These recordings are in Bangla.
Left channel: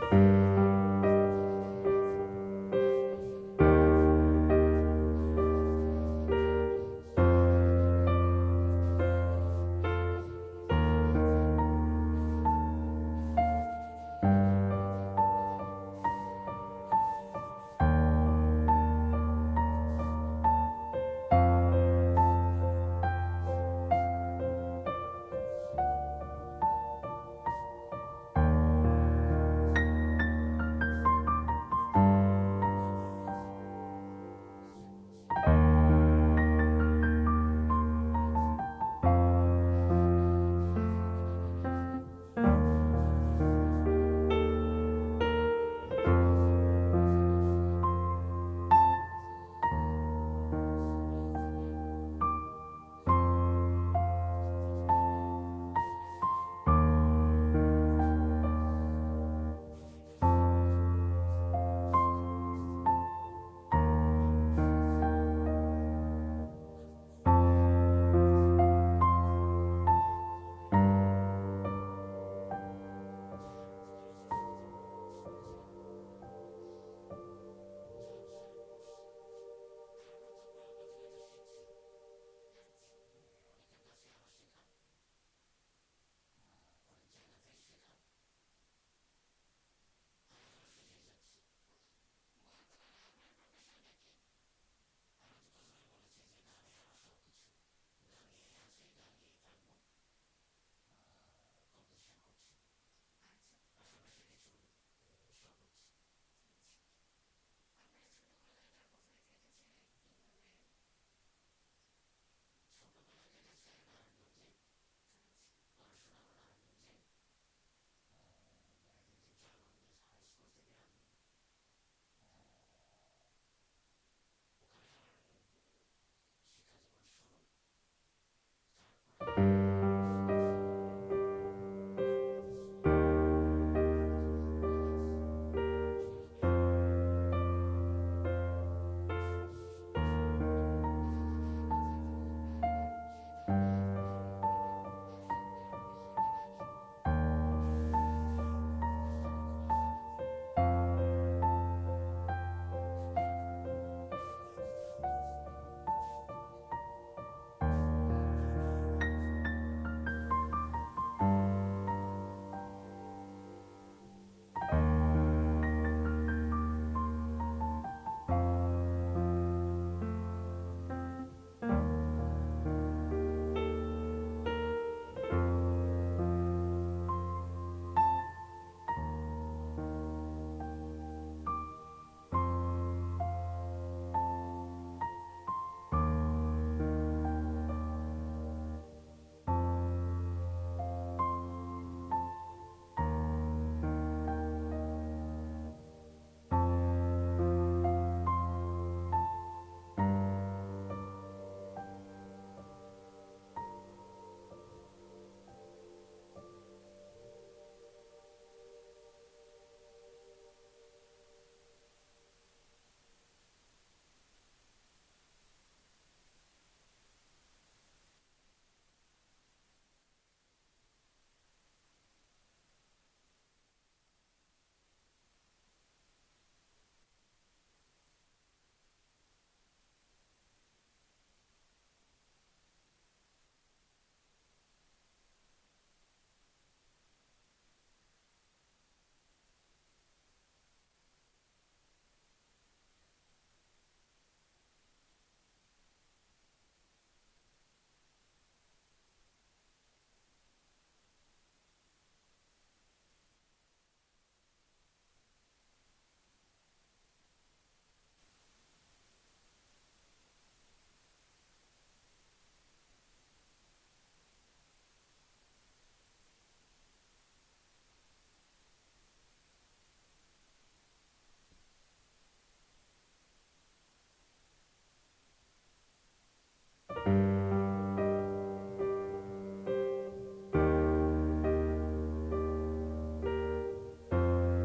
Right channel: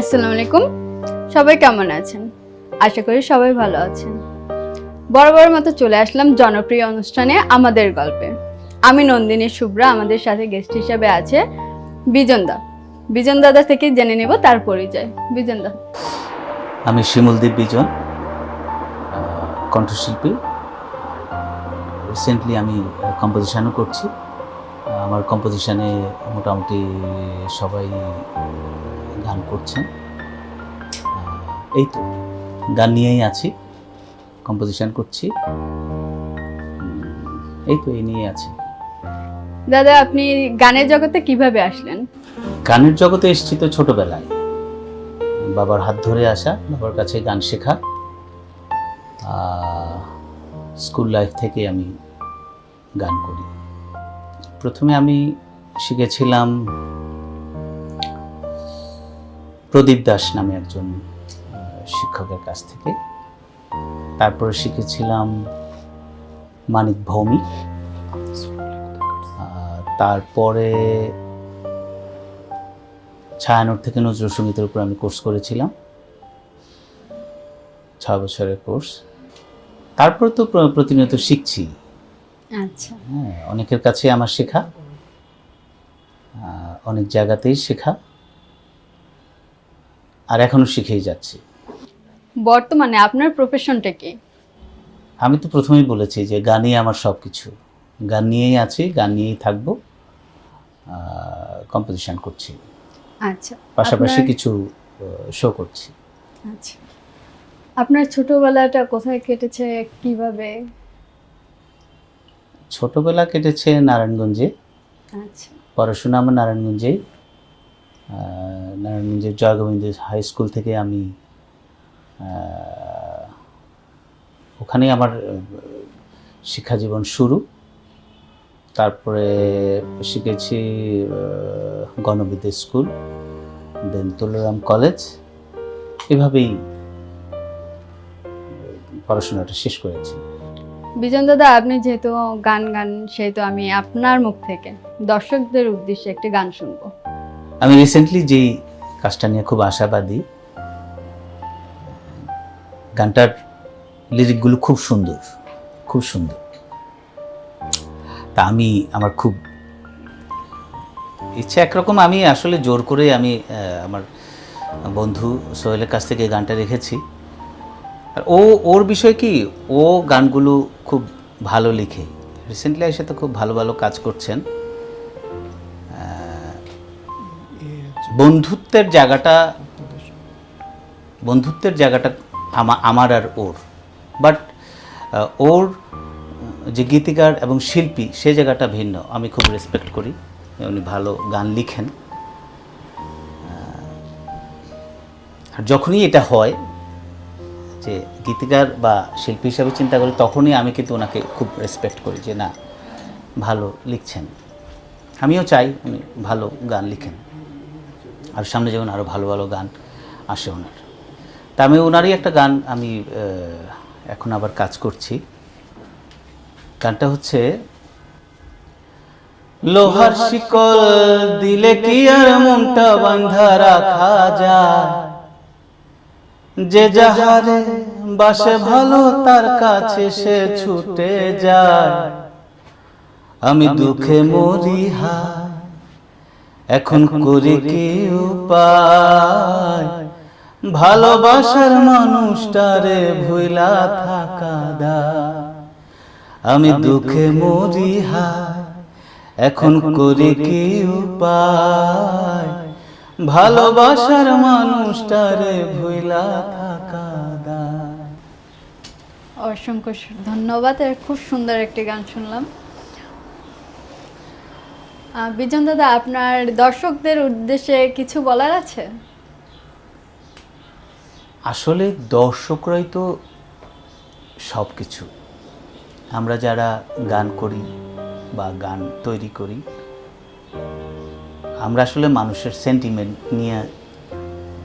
আসসালামু আলাইকুম। সবাই কেমন আছেন? আশা করি সবাই ভালো আছেন। বরাবরের মতো চলে আসলাম জনপ্রিয় অনুষ্ঠানে আমাদের গল্পে। আমি নন্দিনী শুভ্রা, আমাদের সাথে গেস্ট হিসেবে আছে বিজন দা। বিজন দাদা থেকে জেনে নেব তার পরিচয়। বিজন দা। আমি শিমুলদীপ বিজন, কণ্ঠশিল্পী। রিসেন্টলি আমি কম্পোজিশনও করছি। আমার কম্পোজিশনে মোটামুটি সবাই গান করছেন। এই তো গান নিয়েই আছি, কম্পোজিশন করছি, এই নিয়ে আছি। দাদা, আপনি গানের জগতে কিভাবে আসলেন? গানের জগতে এসেছি তো ছোটবেলায়, বাবার হাত ধরে আসা, বাবার কাছে গান শেখা। স্কুল লাইফ থেকে আমি গান করি। প্রথমে আমি শিখেছিলাম প্রদীপ দাস নামে একজন শিক্ষকের কাছ থেকে। তারপরে শিখেছিলাম মানিক ভৌমিক। তারপরে ছায়ানট থেকে নজরুল সঙ্গীতের উপর আমি কোর্স করেছিলাম, 6 বছরের কোর্স। তারপর তো প্রতিনিয়ত শিখছি। আচ্ছা, হ্যাঁ, অনেকের কাছে আমার শেখা, অনেক জায়গাতেই শেখা, আর এখনো শিখেই যাচ্ছি। বর্তমানে আপনার প্রফেশনটা কি? আমি তো প্রথমেই বলেছি যে গানই আমার সব কিছু। গান নিয়েই আছি, গান নিয়েই থাকবো, কম্পোজিশন করছি, আচ্ছা, পাশাপাশি কিছু শো করছি। আচ্ছা, আপনার ছোটবেলাটা কোথায় কেটেছে, কিভাবে? ছোটবেলা কেটেছে নারায়ণগঞ্জে। আচ্ছা, পড়াশোনা আমার নারায়ণগঞ্জেই। নারায়ণগঞ্জের জয়গোবিন্দ হাই স্কুল থেকে আমি ওখানেই আমার শিক্ষা জীবন শুরু। তারপরে শিখেছি গণবিদ্যা স্কুল, দেন তুলারাম কলেজ। এভাবেই পড়াশোনাটা শেষ করেছি। বিজন দাদা, আপনি যেহেতু গান সেহেতু আমি আপনার মুখ থেকে দর্শকদের উদ্দেশ্যে একটি গান শুনবো। আমি রিসেন্টলি যেই কাজটা নিয়ে খুব আশাবাদী, গানটার লিরিকগুলো খুব সুন্দর, খুব সুন্দর। তা আমার খুব ইচ্ছা একরকম, আমি আসলে জোর করে আমি আমার বন্ধু সোহেলের কাছ থেকে গানটা রেখেছি। আর ওর বিষয় কি, ও গানগুলো খুব ভালো লিখে। রিসেন্টলি এসে তো খুব ভালো ভালো কাজ করছেন। বন্ধুত্বের জায়গাটা আমার আর ওর, বাট ওর যে গীতিকার এবং শিল্পী সে জায়গাটা ভিন্ন। আমি খুব রেসপেক্ট করি, উনি ভালো গান লিখেন। আর যখনই এটা হয় যে গীতিকার বা শিল্পী হিসাবে চিন্তা করি, তখনই আমি কিন্তু ওনাকে খুব রেসপেক্ট করি যে না, ভালো লিখছেন। আমিও চাই উনি ভালো গান লিখেন, আর সামনে যেমন আরও ভালো ভালো গান আসে ওনার। তা আমি ওনারই একটা গান আমি এখন আবার কাজ করছি। গানটা হচ্ছে, লোহার শিকল দিলে কি আর মনটা বাঁধা রাখা যায়, যে যাহারে বাসে ভালো তার কাছে সে ছুটে যায়। আমি দুঃখে মরি হায়, এখন করি কি উপায়, ভালোবাসার মানুষটারে ভুইলা থাকা দায়। আমি দুঃখে মরি হায়, এখন করি কি উপায়, ভালোবাসার মানুষটারে ভুইলা থাকা দায়। অসংখ্য ধন্যবাদ। খুব সুন্দর একটি গান শুনলাম। বিজন দাদা, আপনার দর্শকদের উদ্দেশ্যে কিছু বলার আছে? আসলে দর্শকরাই তো সব কিছু। আমরা যারা গান করি বা গান তৈরি করি, আমরা আসলে মানুষের সেন্টিমেন্ট নিয়ে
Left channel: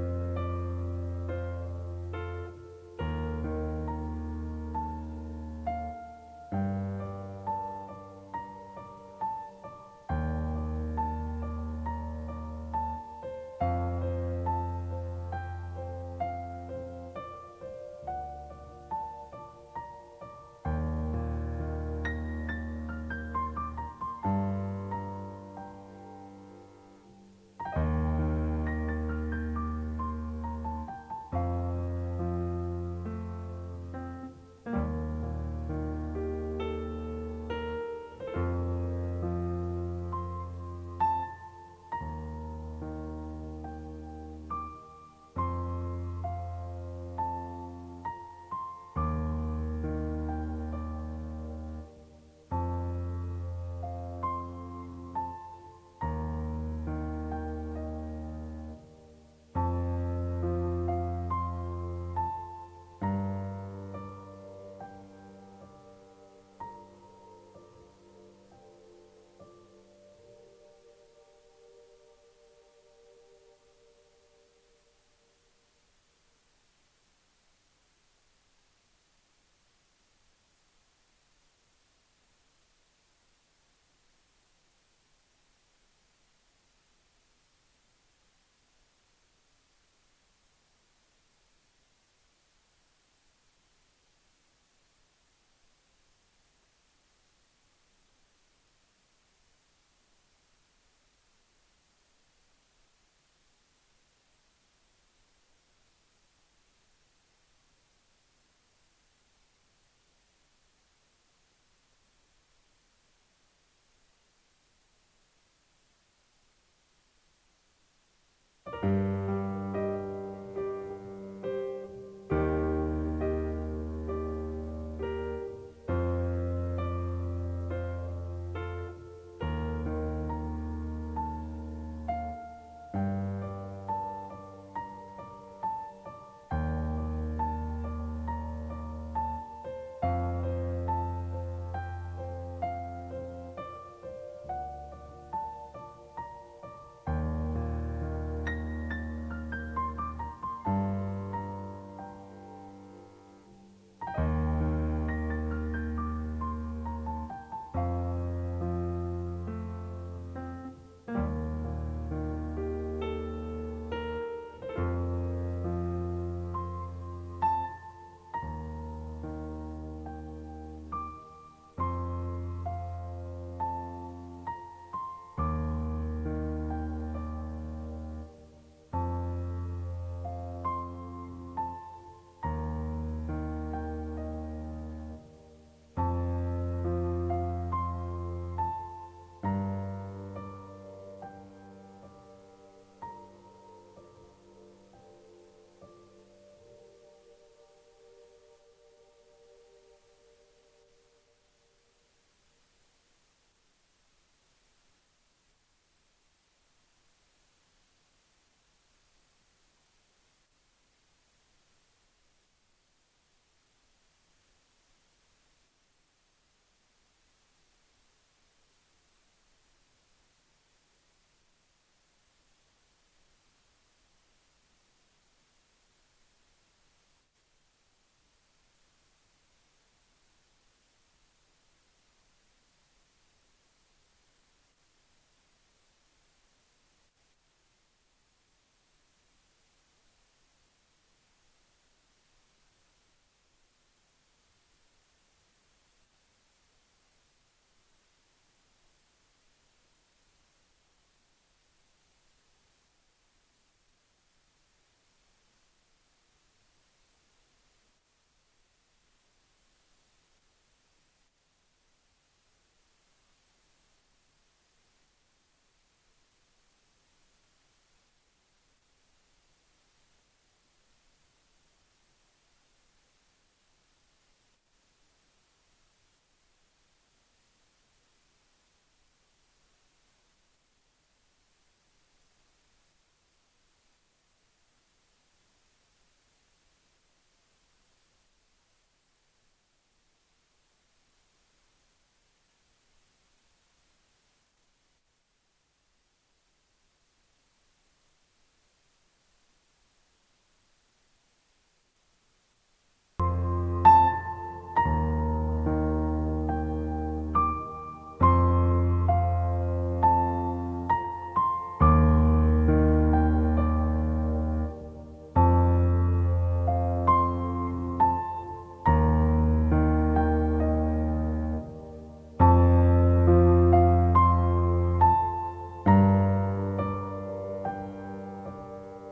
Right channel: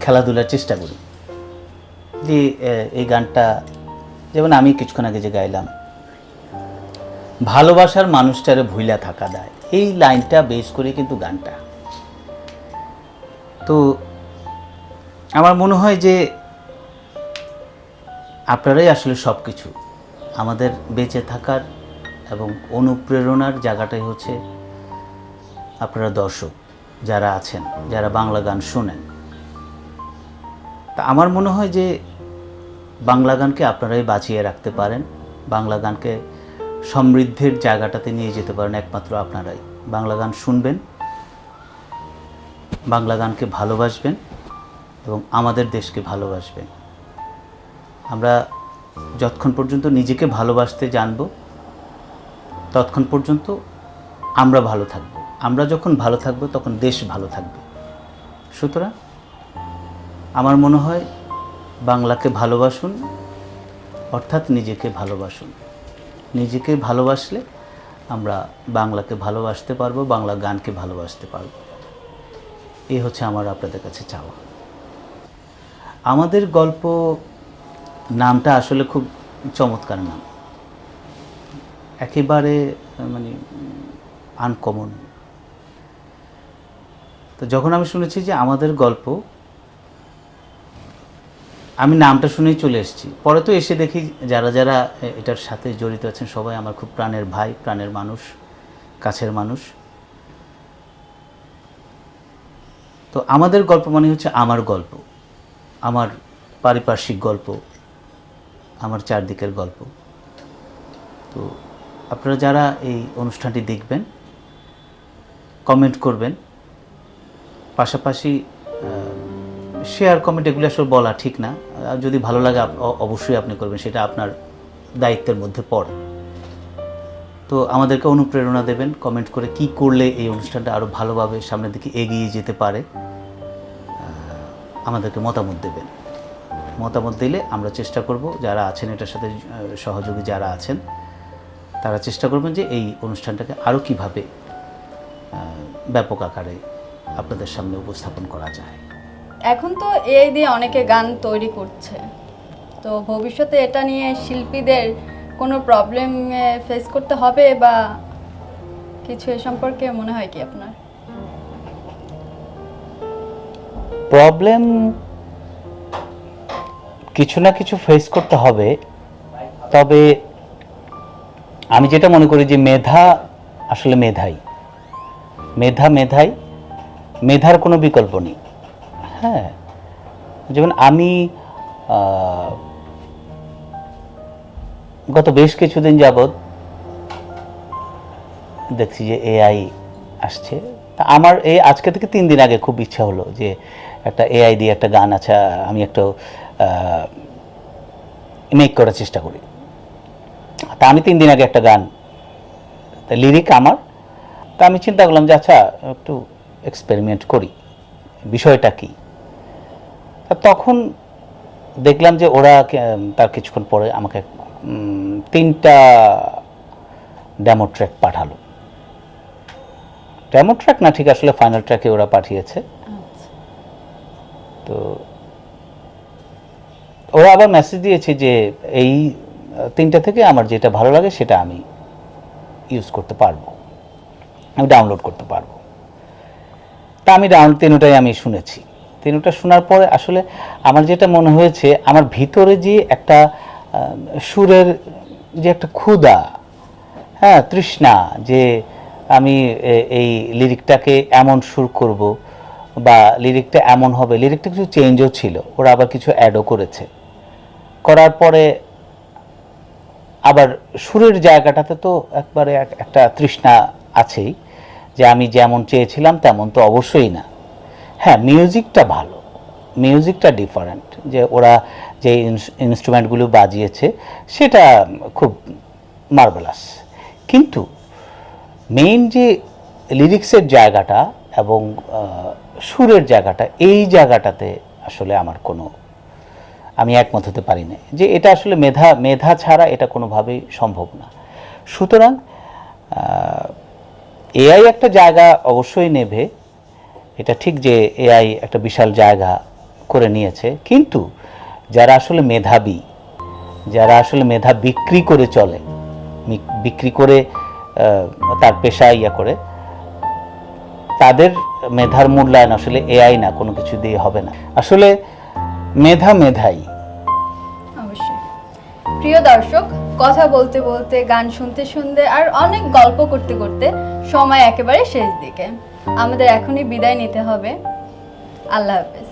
খেলাধুলার চেষ্টা করি। যে এই গানটা, যেমন আমি কিছুক্ষণ আগে যে গাইলাম, ভালোবাসার মানুষটারে ভুইলা থাকা দায়, এই লাইনটা বেস করে কিন্তু গানটা। তো আমার মনে হয় যে আপনারাই আসলে সব কিছু। আমাদের বেঁচে থাকার এবং অনুপ্রেরণার জায়গাটাই হচ্ছে আপনারা দর্শক যারা আছেন, যারা বাংলা গান শোনেন। তা আমার মনে হয় যে বাংলা গানকে আপনারাই বাঁচিয়ে রাখতে পারেন, বাংলা গানকে সমৃদ্ধির জায়গাটাতে নিয়ে যেতে পারেন একমাত্র আপনারাই। বাংলা গান শুনবেন, বাংলা গানকে ভালোবাসবেন এবং আমাদের দেশকে ভালোবাসবেন। আমরা যতক্ষণ পর্যন্ত নিজেকে ভালোবাসতে জানবো ততক্ষণ পর্যন্ত আমরা ভালো থাকব। আমরা যখন ভালো থাকবো তখন দেশ ভালো থাকবে। সুতরাং আমার মনে হয় বাংলাকে ভালোবাসুন, অর্থাৎ নিজেকে ভালোবাসুন। নিজেকে ভালোবাসলে আমরা বাংলাকে ভালোবাসতে পারবো, বাংলা গানকে ভালোবাসতে পারবো। এই হচ্ছে আমার আপনাদের কাছে চাওয়া। আমাদের গল্প নামটা আসলে খুব চমৎকার নাম, একেবারে মানে আনকমন। তো যখন আমি শুনেছি যে আমাদের গল্প, আমি নামটা শুনেই চলে এসেছি। পরে তো এসে দেখি যারা যারা এটার সাথে জড়িত আছেন সবাই আমার খুব প্রাণের ভাই, প্রাণের মানুষ, কাছের মানুষ। তো আমাদের গল্প মানে হচ্ছে আমার গল্প, আমার পারিপার্শ্বিক গল্প, আমার চারদিকের গল্প। তো আপনারা যারা এই অনুষ্ঠানটি দেখবেন, কমেন্ট করবেন, পাশাপাশি শেয়ার, কমেন্ট এগুলো আসলে বলা ঠিক না। যদি ভালো লাগে অবশ্যই আপনি করবেন, সেটা আপনার দায়িত্বের মধ্যে পড়ে। তো আমাদেরকে অনুপ্রেরণা দেবেন কমেন্ট করে, কি করলে এই অনুষ্ঠানটা আরও ভালোভাবে সামনের দিকে এগিয়ে যেতে পারে আমাদেরকে মতামত দেবেন। মতামত দিলে আমরা চেষ্টা করব, যারা আছেন এটার সাথে সহযোগী যারা আছেন তারা চেষ্টা করবেন যে এই অনুষ্ঠানটাকে আরও কীভাবে ব্যাপক আকারে আপনাদের সামনে উপস্থাপন করা যায়। এখন তো এআই দিয়ে অনেকে গান তৈরি করছে, তো ভবিষ্যতে এটা নিয়ে শিল্পীদের কোনো প্রবলেম ফেস করতে হবে বা কিছু এ সম্পর্কে মনে হয় কি আপনার? প্রবলেম কিছু না কিছু ফেস করতে হবে, তবে আমি যেটা মনে করি যে মেধা আসলে মেধাই, মেধার কোনো বিকল্প নেই। হ্যাঁ, যেমন আমি গত বেশ কিছুদিন যাবৎ দেখছি যে এআই আসছে। আমার এই আজকে থেকে 3 দিন আগে খুব ইচ্ছা হলো যে একটা এআই দিয়ে একটা গান আছে, আমি একটা মেক করার চেষ্টা করি। তা আমি 3 দিন আগে একটা গান, লিরিক আমার, তা আমি চিন্তা করলাম যে আচ্ছা একটু এক্সপেরিমেন্ট করি, বিষয়টা কি। তখন দেখলাম যে ওরা তার কিছুক্ষণ পরে আমাকে 3টা ডেমো ট্র্যাক পাঠালো। ডেমো ট্র্যাক না, ঠিক আসলে ফাইনাল ট্র্যাকে ওরা পাঠিয়েছে। তো ওরা আবার মেসেজ দিয়েছে যে এই 3টা থেকে আমার যেটা ভালো লাগে সেটা আমি ইউজ করতে পারবো, আমি ডাউনলোড করতে পারবো। তা আমি 3টাই আমি শুনেছি। 3টা শোনার পরে আসলে আমার যেটা মনে হয়েছে, আমার ভিতরে যে একটা সুরের যে একটা ক্ষুধা, হ্যাঁ, তৃষ্ণা, যে আমি এই লিরিকটাকে এমন সুর করব বা লিরিকটা এমন হবে। লিরিকটা কিছু চেঞ্জও ছিল, ওরা আবার কিছু অ্যাডও করেছে। করার পরে আবার সুরের জায়গাটাতে তো একবারে একটা তৃষ্ণা আছেই, যে আমি যেমন চেয়েছিলাম তেমন তো অবশ্যই না। হ্যাঁ, মিউজিকটা ভালো, মিউজিকটা ডিফারেন্ট, যে ওরা যে ইনস্ট্রুমেন্টগুলো বাজিয়েছে সেটা খুব মার্ভেলাস। কিন্তু মেইন যে লিরিক্সের জায়গাটা এবং সুরের জায়গাটা, এই জায়গাটাতে আসলে আমার আমি একমত হতে পারি না, যে এটা আসলে মেধা ছাড়া এটা কোনোভাবেই সম্ভব না। সুতরাং এআই একটা জায়গা অবশ্যই নেবে, এটা ঠিক যে এআই একটা বিশাল জায়গা করে নিয়েছে, কিন্তু যারা আসলে মেধাবী, যারা আসলে মেধা বিক্রি করে চলে, বিক্রি করে তার পেশা করে, তাদের মেধার মূল্যায়ন আসলে এআই না, কোনো কিছু দিয়ে হবে না। আসলে মেধা মেধাই। অবশ্যই। প্রিয় দর্শক, কথা বলতে বলতে, গান শুনতে শুনতে আর অনেক গল্প করতে করতে সময় একেবারে শেষ দিকে। আমাদের এখনই বিদায় নিতে হবে। আল্লাহ হাফেজ।